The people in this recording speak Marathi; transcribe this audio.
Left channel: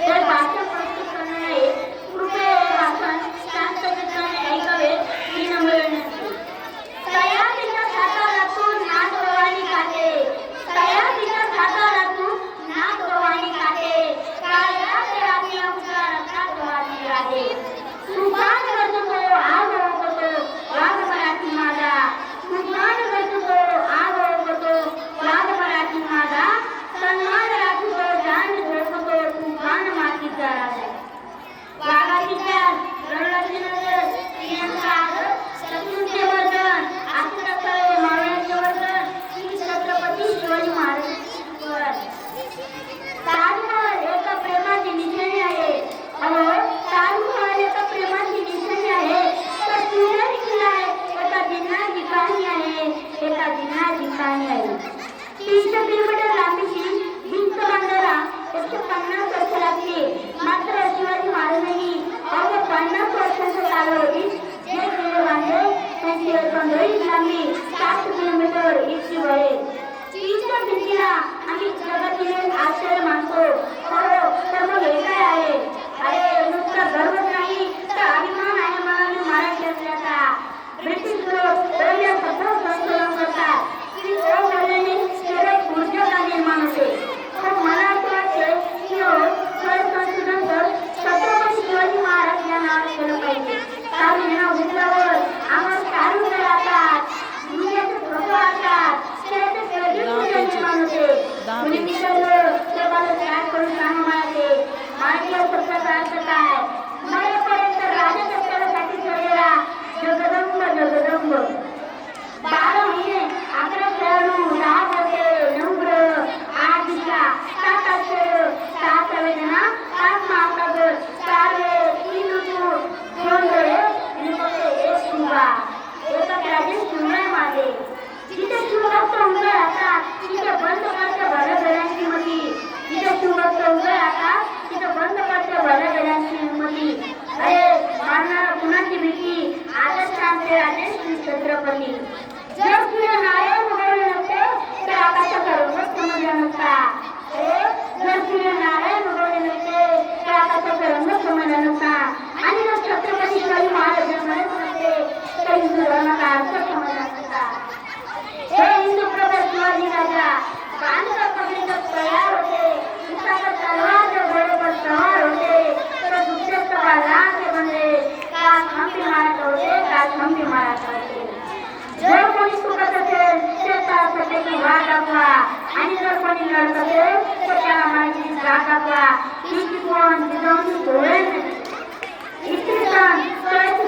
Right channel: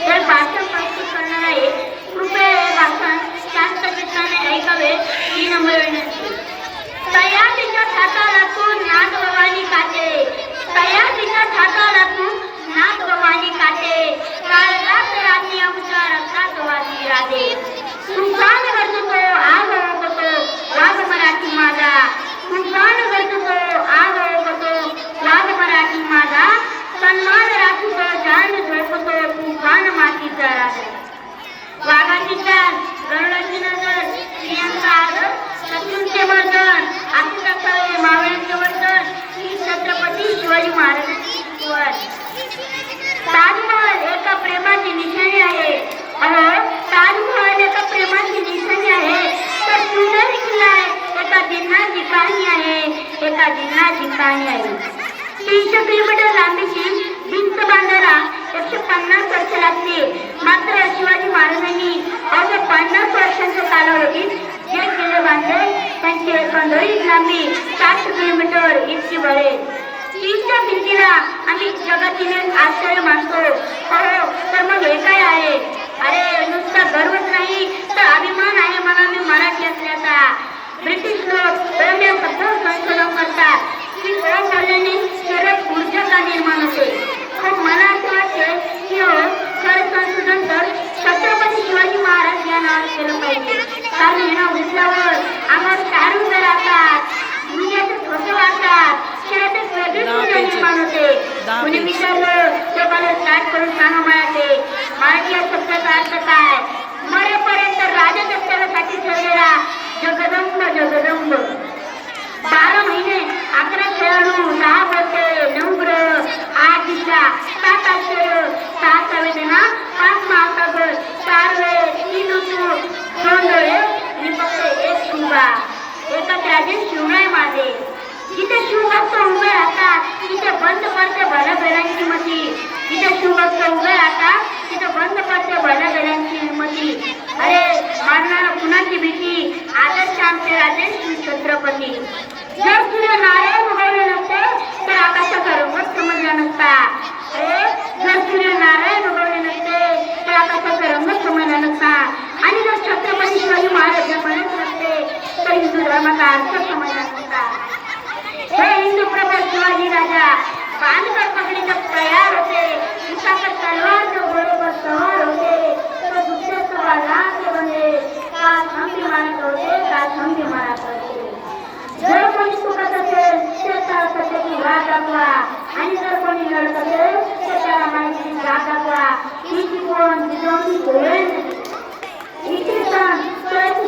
हे भाषण प्रस्तुत करणार आहे कृपया हे भाषण शांत चित्ताने ऐकावे ही नम्र विनंती तयारीच्या हातालातून नाथ भवानी काटे तयारीच्या हातालातून नाथ भवानी काटे काल रात रात्री आमच्या रक्तात वाजली राधे तुफान वाघाची चाल गरुडाची नजर स्त्रियांचा आदर शत्रूंचे मर्दन मावळ्यांचे वर्तन छत्रपती शिवाजी महाराजांची ताजमहल एका प्रेमाची निशाणी आहे. अहो ताजमहल एका प्रेमाची निशाणी आहे. तर सुंदर किल्ला आहे. एका कहाणी आहे. एका जिन्नाची कहाणी आहे. तीनशे किलोमीटर लांबीची भिंत बांधा कालावधीत जे किल्ले बांधले त्यांची लांबी सात किलोमीटर इतकी बळेल भिंतीला आम्ही जगातील आश्चर्य मानतो. हो तर मग हे काय आहे? अरे नुसता गर्वच नाही तर अभिमान आहे छत्रपती. जर तुला नारायण उगवले नसते तर आकाशाचा रंगच समजला नसता. जर तुला नारायण उगवले नसते तर आकाशाचा रंगच समजला नसता. आणि जर छत्रपती शिवाजी महाराज म्हणत नसते तर हिंदू धर्माचा अर्थ समजला नसता. हे हिंदू प्रभू शिवाजी राजा बांधकर पकडीचा तयार мантрою, разным фимаратою. Джорфони скукатате, сета сатеки вагапла, андрофони лоркате, сета манджин вагапла, китикон дилон дуэн. Китикон, скорати